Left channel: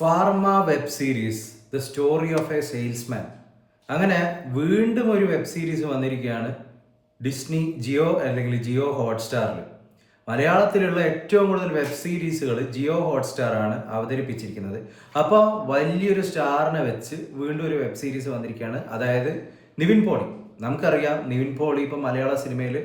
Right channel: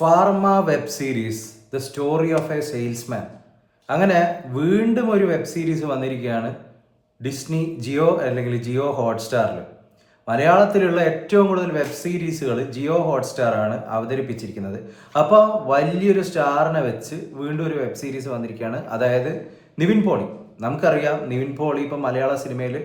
Pharma web series the story of A salesman. അങ്ങനെ വീണ്ടും ഒരു വെബ് സീരീസ് വന്നിരിക്കുകയാണ് ജിയോ അല്ലെങ്കിൽ ജിയോ ഹോട്ട്സ്റ്റാറിൽ. മലയാളത്തിലുള്ള ഏറ്റവും കൂടുതൽ വെബ് സീരീസുകൾ ജിയോ ഹോട്ട്സ്റ്റാർ ആണ് അവതരിപ്പിച്ചിരിക്കുന്നത്. അപ്പോൾ വലിയൊരു സ്റ്റാറിനെ വെച്ച് വീണ്ടും ഒരു വെബ് സീരീസ് വന്നിരിക്കുകയാണ്, അതായത് നിവിൻ പോളി. നമുക്കറിയാം നിവിൻ പോളി ഇപ്പം മലയാള സിനിമയിൽ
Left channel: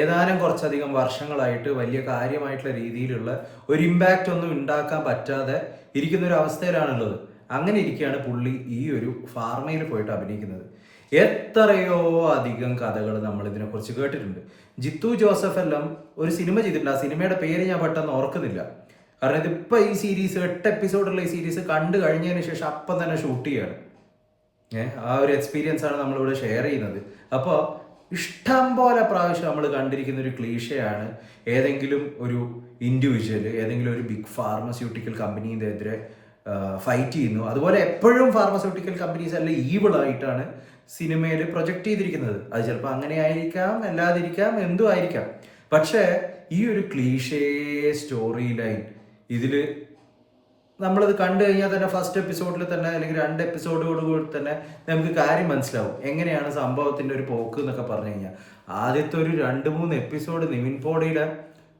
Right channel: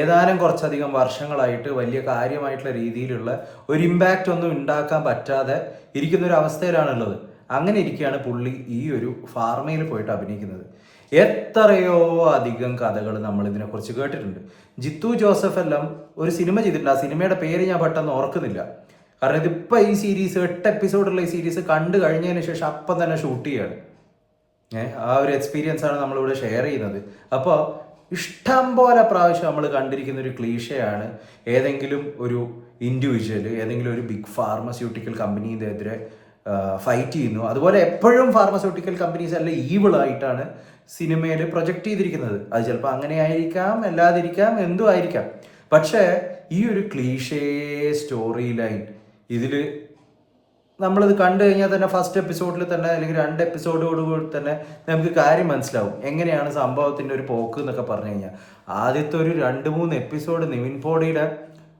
ഏതാനും കുറച്ചധികം വർഷങ്ങളായിട്ട് വലിയ കാര്യമായിട്ടുള്ള രീതിയിലുള്ള ഒരു ഇമ്പാക്റ്റ് ഒന്നും ഉണ്ടാക്കാൻ പറ്റാതെ ഇരിക്കുന്ന ഒരു അവസ്ഥയിലാണുള്ളത്. അങ്ങനെ ഇരിക്കുകയാണ് പുള്ളി ഈ ഒരു ഫാർമയിൽ പോയിട്ട് അഭിനയിക്കുന്നത്. എത്രയോ അധികം കഥകൾ നമ്മൾ ഇതിനെക്കുറിച്ച് കേട്ടിട്ടുണ്ട്. ജിത്തു ജോസഫ് എല്ലാം ഒരു സിനിമ ചെയ്തിട്ടുണ്ട്. ആ സിനിമയുടെ പേര് ഞാൻ പെട്ടെന്ന് ഓർക്കുന്നില്ല. കാരണം ഇതിപ്പോൾ ഈ സീരീസ് 8 എപ്പിസോഡുള്ള ഈ സീരീസ് കണ്ടു കഴിഞ്ഞതിന് ശേഷം അപ്പം തന്നെ ഷൂട്ട് ചെയ്യുകയാണ്. ആ ഒരു എക്സ്പീരിയൻസ് ആണ് നമ്മളിവിടെ ഷെയർ ചെയ്യുന്നത്. അപ്പോൾ ഇഷ്ടം പോലെ പ്രാവശ്യം നമ്മൾ കണ്ടിരിക്കുന്ന ഒരു ക്ലീഷയാണ് ഏതെങ്കിലും ഒരു ഇൻഡിവിജ്വൽ ഏതെങ്കിലും ഒരു ബിഗ് ഫാർമസ്യൂട്ടിക്കൽ കമ്പനീൻ്റെ എതിരെ ഫൈറ്റ് ചെയ്യുന്നു. അതുപോലെ എപ്പോഴും ഫാർമസ്യൂട്ടിക്കൽ കമ്പനീസ് അല്ല ഈവിളായിട്ടാണ് സിനിമയിൽ പ്രൊജക്റ്റ് ചെയ്തിരിക്കുന്നത്. അത് ചിലപ്പോൾ അങ്ങനെ ആയിരിക്കാം, അല്ലാതിരിക്കാം, എന്തും ആയിരിക്കാം. പക്ഷേ ഈ ഒരു ക്ലീഷേ സ്റ്റോറി ലൈൻ ഇതിൽ നമ്മളത് കണ്ടു കഴിഞ്ഞാൽ തന്നെ ഫസ്റ്റ് എപ്പിസോഡിൽ തന്നെ അല്ലെങ്കിൽ 2 എപ്പിസോഡോടുകൂടി തന്നെ നമുക്ക് കാര്യം മനസ്സിലാവും എങ്ങനെയാണ് സംഭവത്തിൻ്റെ ഒരു പോക്ക് എന്നൊക്കെ പറഞ്ഞു കഴിഞ്ഞാൽ. ആദ്യത്തെ ഒരു 2-3 എപ്പിസോഡ് നിവിൻ പോളിയുടെ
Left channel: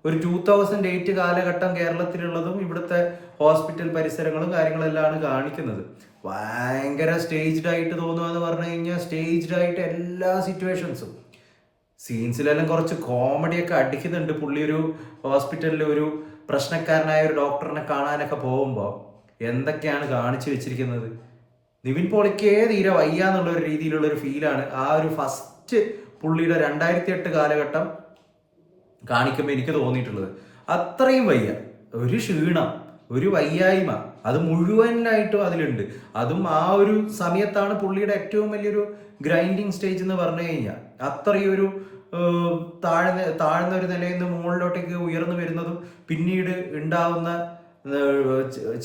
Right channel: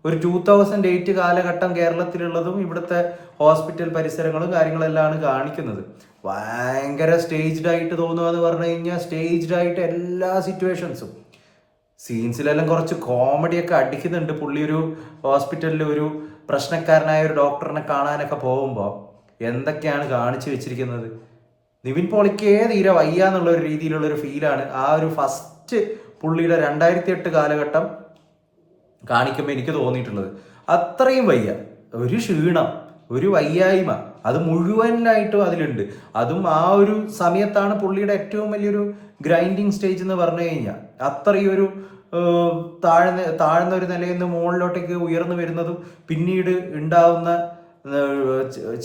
ഒരു 2008 കാലഘട്ടം കേരളത്തിലുള്ളതും ഇവിടുത്തെ ഹോസ്പിറ്റൽ പരിസരങ്ങളും കാര്യങ്ങളെല്ലാം കാണിക്കുന്നത്. ഭയങ്കര സ്റ്റേജ്ഡ് ആയിട്ട് തോന്നുക എന്ന് പറഞ്ഞു കഴിഞ്ഞാൽ സ്റ്റേജ്ഡ് ആയിട്ട് എല്ലാ സിറ്റുവേഷൻസും സീൻസിലെല്ലാം കുറച്ച് കോമഡിയൊക്കെ അടിക്കുന്നുണ്ട്. പുള്ളി ഒരു ഹോസ്പിറ്റലിൽ ഒരു പ്രശ്നക്കാരനായ ഒരു ഡോക്ടറിനെ കാണാനൊക്കെ പോകുമ്പോൾ എന്തൊക്കെയാണ് കാണിച്ചു വെച്ചിരിക്കുന്നത്. നിവിൻ പോളിക്ക് തീരെ വയ്യ എന്നുള്ള ഒരു രീതിയിലുള്ള ഒരു ഫീലാണ് ആ ഒരു ഫസ്റ്റ് പുള്ളിയുടെ 2008 കാലഘട്ടം കാണിക്കുമ്പോൾ എനിക്ക് തോന്നിയിട്ടുള്ളത്. അത്രയും വയ്യ, ഒരു ക്ഷീണം, ഒരു വയ്യായ്മ, അത് മുഴുവനായിട്ടും അതിലുണ്ട്. അതും ആ ഒരു സമയത്താണ് പുള്ളിയുടെ ഏറ്റവും വലിയൊരു ഗ്രൈൻഡിങ് സ്റ്റേജ് എന്ന് പറഞ്ഞു കഴിഞ്ഞാൽ. അത്രയും ഒരു താഴ്ന്ന ഒരു നിലയിൽ നിന്ന് മുകളിലോട്ടേക്ക് ഉയർന്നു വരുന്നതും പിന്നീട് ഉണ്ടാവുന്ന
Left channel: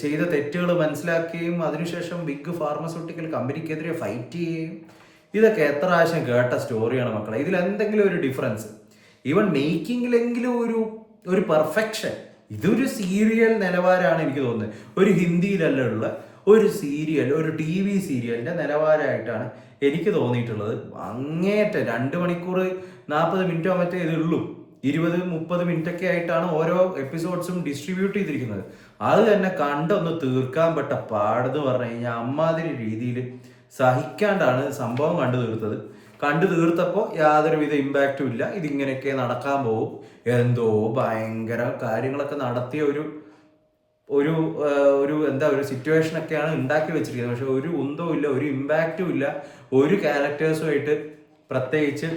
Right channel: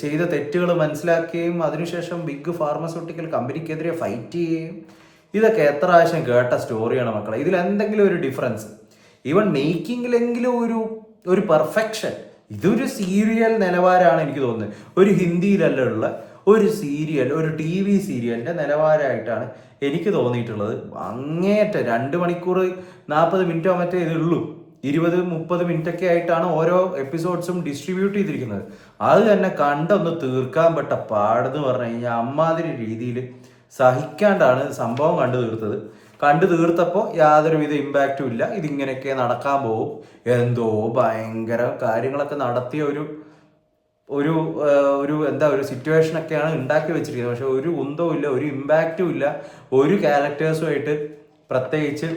ചെയ്ത തെറ്റുകൾ മനസ്സിലാക്കുകയും അതിനുശേഷം ബിഗ് ഫാർമസ്യൂട്ടിക്കൽ കമ്പനിക്കെതിരെ ഫൈറ്റ് ചെയ്യുകയും, ഇതൊക്കെ എത്ര പ്രാവശ്യം കേട്ട സ്റ്റോറിയാണ് മക്കളെ. ഇതിൽ എന്തെങ്കിലും ഒരു ഡിഫറൻസ്, ഈവൻ മേക്കിങ്ങിലെങ്കിലും ഒരു പെർഫെക്ഷൻ, ഇതൊരു സീരിയൽ നിലവാരമാണ് എനിക്ക് തോന്നുന്നത്. ഒരു ഹിന്ദിയിലല്ല ഉള്ള ഒരു സീരിയൽ, ഒരു TV സീരിയലിൻ്റെ നിലവാരമായിട്ടാണ് എനിക്ക് തോന്നിയിട്ടുള്ളത്. അങ്ങേറ്റം 2 മണിക്കൂർ 40 മിനിറ്റോ മറ്റേ ഇതുള്ളൂ. 20-30 മിനിറ്റൊക്കെ ആയിട്ടാണ് ഓരോ എപ്പിസോഡ്സും ഡിസ്ട്രിബ്യൂട്ട് ചെയ്തിരിക്കുന്നത്. അത് തന്നെ കണ്ടൊന്ന് തീർക്കാൻ പെട്ട പാടെന്ന് പറഞ്ഞു കഴിഞ്ഞാൽ അമ്മാതിരി രീതിയിൽ സഹിക്കാണ്ടാണ് സംഭവം കണ്ടു തീർത്തപ്പോൾ യാതൊരുവിധ ഇമ്പാക്റ്റും ഇല്ല. ഇതിങ്ങനെയൊക്കെ നടക്കാൻ പോകും, എന്തോ ഭയങ്കര കാര്യങ്ങളൊക്കെ നടത്തിയ ഒരു സിറ്റുവേഷനൊക്കെയാണ് ഉണ്ടാക്കി വെച്ചിരിക്കുന്നത്. പക്ഷെ ഒരു ഉന്തവും ഇല്ല, ഒരു ഇമ്പാക്റ്റും ഇല്ല, ഒരു ക്യാരക്ടേഴ്സുമായിട്ട് പ്രത്യേകിച്ച്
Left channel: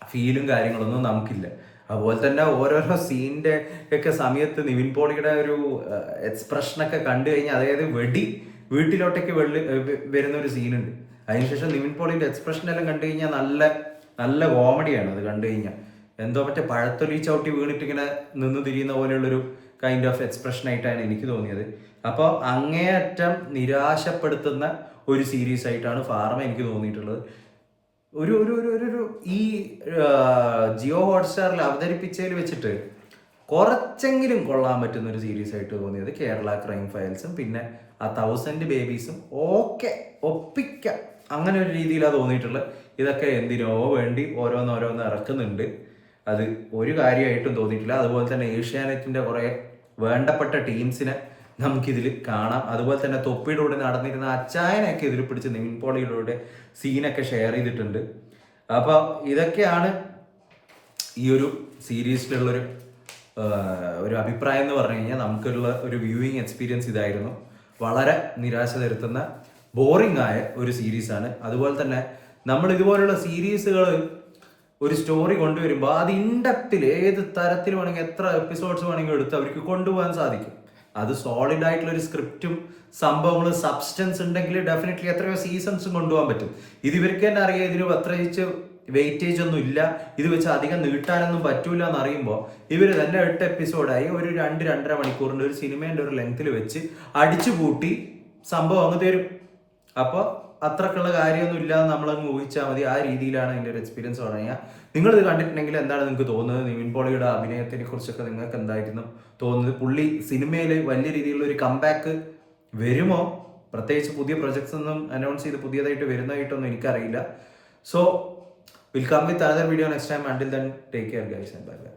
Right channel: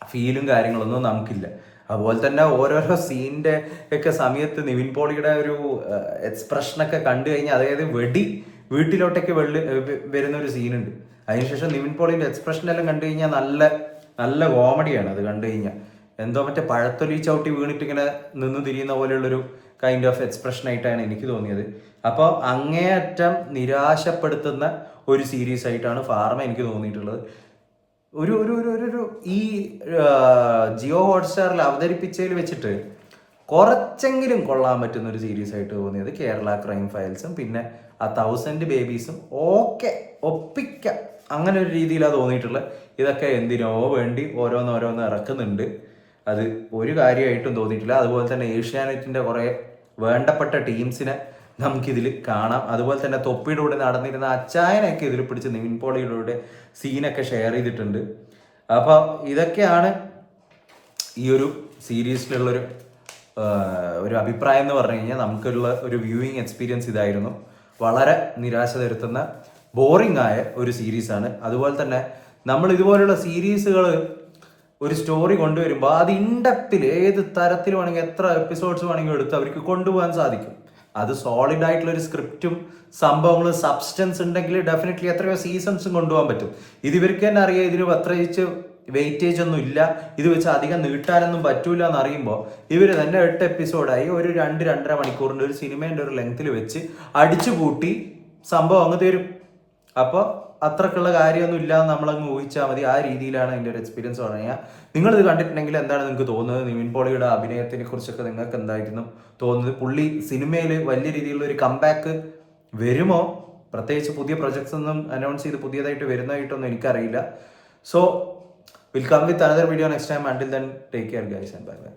ഫീലും കാര്യങ്ങളൊന്നും നമുക്കില്ല. അതുപോലെ തന്നെ ഓരോരോ സീനിൻ്റെ ഒക്കെ സമയത്ത് നിവിൻ പോളിയുടെ ഒരു എക്സ്പ്രഷനൊക്കെ കണ്ടു കഴിഞ്ഞാൽ, അതായത് വീട്ടിലോട്ടേക്ക് വരുന്ന ഒരു സീനുണ്ട്. അതിനുശേഷം നിവിൻ പോളിൻ്റെ എക്സ്പ്രഷനെല്ലാം കണ്ടു കഴിഞ്ഞാൽ നല്ല കോമഡിയാണ്. അത് കണ്ടു കഴിഞ്ഞാൽ എന്തോ മറ്റേ പഴത്തൊലി ചവിട്ടി വീണിട്ട് ഇങ്ങനെ നിന്ന് തിരിയുന്ന പോലെയുള്ളൊരു കൈൻഡ് ഓഫ് എക്സ്പ്രഷനായിട്ടാണ് എനിക്ക് തോന്നിയത്. അപ്പോൾ അങ്ങേയറ്റം നിരാശപ്പെടുത്തുന്ന ഒരു സീരീസ് ആയിട്ടാണ് ഫാർമ എനിക്ക് തോന്നിയിട്ടുള്ളത്. ഒരു ഈ ജിയോ ഹോട്ട്സ്റ്റാറിൽ അവതരിപ്പിച്ചതിൽ വെച്ചിട്ട് കുറച്ചെങ്കിലും കൊള്ളാൻ പറ്റുന്ന ഒരു സീരീസ് ആയിട്ട് തോന്നിയത് കേരള ക്രൈം ഫയൽസും പിന്നെ ആ 1000 ബേബീസും ഓക്കെ ഒപ്പിക്കാം, അങ്ങനെ ഒരു രീതിയിലാണ് തോന്നിയിട്ടുള്ളത്. ഇതൊക്കെ എന്തിനോ വേണ്ടി ഓരോന്നോരോന്ന് ഇറക്കുന്നുണ്ട്, അത് ഒരു കാര്യമായിട്ടും തോന്നിയിട്ടില്ല. അതുപോലെ തന്നെ ഏഷ്യാനെറ്റിൻ്റെ കുറേ വേണ്ടപ്പെട്ട ടീംസിനെ നമുക്കിതിൽ കാണാം. അതുപോലെ തന്നെ തൊപ്പിയുടെ കൂടെ നടന്നിരുന്ന അച്ചായനൊക്കെ ഇതിൽ പിടിച്ച് നിവിൻ പോളിയുടെ സീനൊക്കെ ഷെയർ ചെയ്തിട്ടുണ്ട്. അപ്പോൾ ഇതൊക്കെയാണ് ഈ ഒരു സീരീസിലുള്ളൊരു അഭിപ്രായം എന്ന് പറഞ്ഞു കഴിഞ്ഞാൽ. നമുക്കുള്ള ഒരു വ്യൂയിങ് എക്സ്പീരിയൻസ് ഇതായിരുന്നു. വളരെ നിരാശ തരുത്തുന്ന ബോറിംഗ് ആയ ഒരു സീരീസാണ്. അതുപോലെ തന്നെ നമ്മൾ ഇതുപോലുള്ള സീരീസുകൾ ഒരു സ്റ്റോറി കൊണ്ടുവരുമ്പോൾ അത് ഇൻഡെപ്തിൽ ഏത് തരത്തിൽ വേണമെങ്കിൽ എത്ര എപ്പിസോഡ്സ് വേണമെങ്കിൽ എടുത്ത് അവർക്ക് കൊണ്ടുപോകാൻ സാധിക്കും. അത് സോളിഡ് ആയിട്ടുള്ള ഒരു സ്ക്രിപ്റ്റും സംഭവങ്ങളും സബ്സ്റ്റൻസ് ഉണ്ടെങ്കിൽ ഡെഫിനറ്റ്ലി എത്രയോ സീസൺസും കൊണ്ടുപോകാൻ പറ്റും. ഇത് ഇവർക്ക് തന്നെ അറിയാം, ഇതിന് പ്രത്യേകിച്ച് വെയിറ്റേജ് ഒന്നും ഇല്ല, ഇത് വെച്ച് അധികം നീട്ടാനൊന്നും പറ്റൂല എന്നറിയുമ്പോൾ ഇവർ തന്നെ 8 എപ്പിസോഡായി ഒരു 2-2.5 മണിക്കൂറിൻ്റെ ഒരു സിനിമേൻ്റെ ഒരു ലെങ്ത്തിൽ വെച്ച് അടിച്ചു കൂട്ടി സംഭവം അങ്ങ് തരും. അപ്പോൾ അത്രക്കുള്ള കാര്യമൊന്നും ഇല്ലാതെ നമ്മളങ്ങ് ഊഹിച്ചാൽ മതി. ആ രീതിയിലാണ് എൻ്റെ ഒരു എക്സ്പീരിയൻസ് പറഞ്ഞാൽ. നിങ്ങളിത് കണ്ടിട്ടുണ്ടെങ്കിൽ എന്താണ് നിങ്ങൾക്ക് തോന്നുന്നത്? നിവിൻ പോളിയുടെ അഭിനയത്തിനെ കുറിച്ചൊക്കെ നിങ്ങൾക്ക് എന്തായിരുന്നു തോന്നുന്നത്? പുള്ളി സിനിമയിൽ വലിയ രീതിയിലുള്ള ഒരു കംബാക്ക് വരുമോ, പ്രത്യേകിച്ച് പുതിയ പ്രൊജക്ട്സ് ഒന്നും അനൗൺസ് ചെയ്ത് പുതിയതായിട്ട് വരുന്നതായിട്ടൊന്നും എനിക്കറിയില്ല. So will come with another video next time. Until then take care guys and bye by.